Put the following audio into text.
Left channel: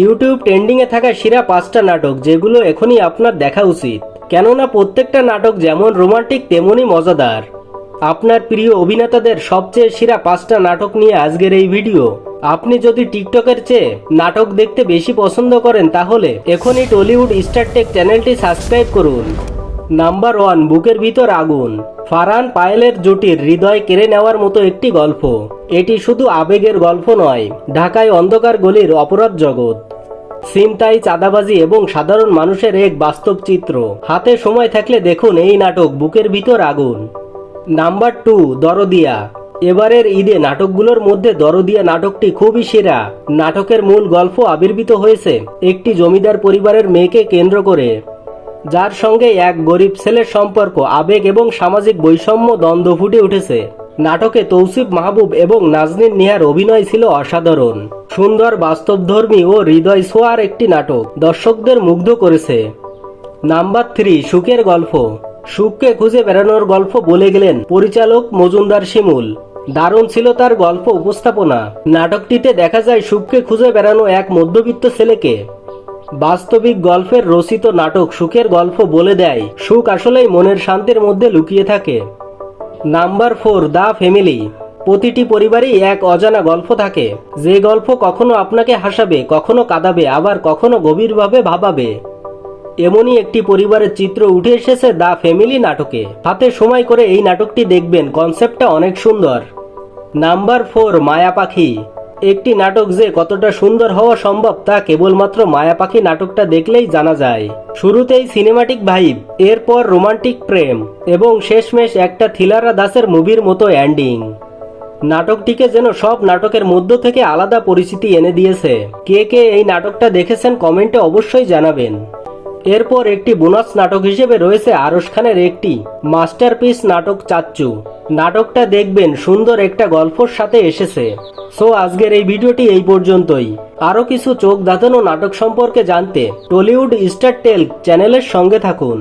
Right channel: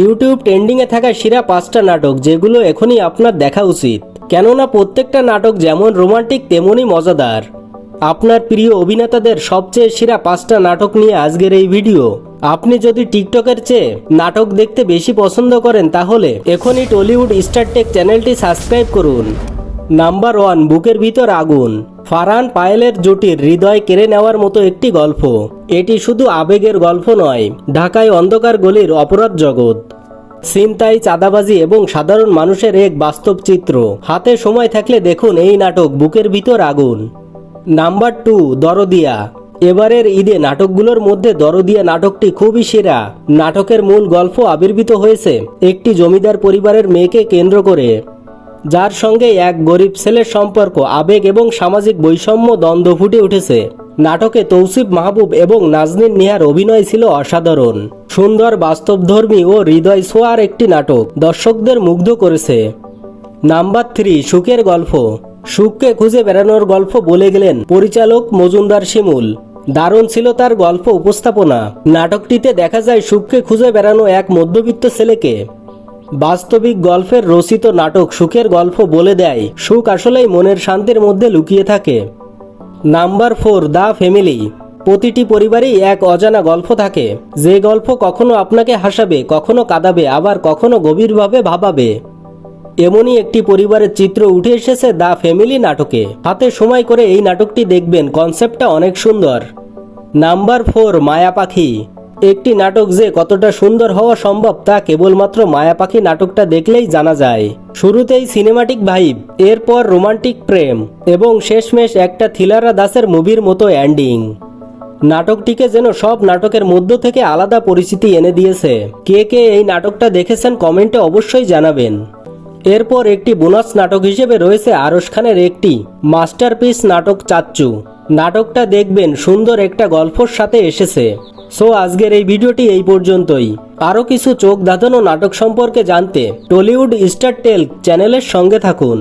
YouTube ট্রেন্ডিংয়ে থাকা সেরা 5টা নাটক যেগুলো এখনই আপনার দেখা উচিত, কেননা প্রত্যেকটা নাটক যেমন রোমান্টিক তেমনই মজাদার। আপনার প্রিয় অভিনেতাদের সবচেয়ে সেরা 5টা নাটক নিয়ে আজকের এই ভিডিও। আপনি যদি টিকটকের চেয়ে নাটক দেখতে বেশি পছন্দ করেন তাহলে এখনই টলিউড স্টার টেক চ্যানেলটি সাবস্ক্রাইব করুন। নাম্বার 1, বুকের ভিতর আগুন। ফারহান পায়েলের জুটির হৃদয় কেড়ে নেওয়ার মতো একটি গল্প। এটি শুধু আবেগের গল্প নয়, ঢাকায় অন্ধকার গলির অপরাধ জগৎ, ছিনতাই, চাঁদাবাজি এবং সাধারণ মানুষের এক বাস্তব চিত্র। হাতে সময় থাকলে দেখুন এই নাটক বুকের ভিতর আগুন। নাম্বার 2, দরদিয়া। এবারের ঈদে নাটকগুলোর মধ্যে দরদিয়া নাটকটি খুবই সেরা। নাটকের মূল গল্প আবির্ভূত হয়েছে একটি জমিদার পরিবারের মেয়েকে কেন্দ্র করে, যার সঙ্গে এক গরিব ছেলের সম্পর্ক, আবেগ এবং সামাজিক বৈষম্য দ্বন্দ্ব ফুটে উঠেছে। নাটকে তৌসিফ মাহবুব এবং নাজনীন নিহার অভিনয় ছিল অসাধারণ। সুন্দর, বাস্তবধর্মী ও হৃদয় ছোঁয়ার একটি নাটক দর্শকদের মুগ্ধ করেছে। নাম্বার 3, সুখের গল্প। সুখকে খুঁজে বেড়ানোর গল্প বলে গেলেন পরিচালক মজুমদার শিমুল। দারুণ ছিল তার গল্প উপস্থাপনা। নাটকটিতে দেখা যায় সুখকে খুঁজে বেড়ানো এক মধ্যবিত্ত ছেলেকে। বাস্তবিক গল্পের রচিত নাটক সুখের গল্প বলে দেয় সুখ আসলেই মনের শান্তির মধ্যে লুকিয়ে থাকে। Number 4, the family. প্রতিটি পরিবারেই এক অজানা গল্প থাকে, যে গল্প কখনো আপনাকে হাসাবে, কখনো কাঁদাবে, আবার কখনো গভীরভাবে ভাবাবে। এমনই একটি পরিবারের চিত্র উঠে এসেছে দ্য ফ্যামিলি নাটকে। হাতে সময় করে এই নাটকটি দেখবেন, কনসেপ্টটা অনেক সুন্দর। নাম্বার 4, মায়া পাখি। একটি নাটক যে কতটা সুন্দর হওয়া সম্ভব তা কেবলমাত্র মায়া পাখি নাটকটা দেখলেই জানা যায়। শুরুতেই সিনেমাটিক ভাইব, এরপর রোমান্টিক প্রেম এবং শেষমেশ একটা থ্রিলার দাসের মুভির মতো এন্ডিং। নাটকটিকে যেন সব নাটকের মধ্য থেকে আলাদা পরিচিতি এনে দিয়েছে। কে কে এই নাটকটা দেখেছেন কমেন্টে অবশ্যই জানাবেন। এরপর একটি বোনাস নাটক হিসেবে রয়েছে আরশ খানের একটি মাস্টারপিস নাটক চাচ্চু। নাটকটা দেখবেন, সুন্দর একটা গল্পের সাথে এসেছে। সো আজকের এই ভিডিওটি এই পর্যন্তই। আরো কিছু চোখ ধাঁধানো নাটক সম্পর্কে জানতে টলিউড স্টার টেল চ্যানেলের সঙ্গে থাকুন।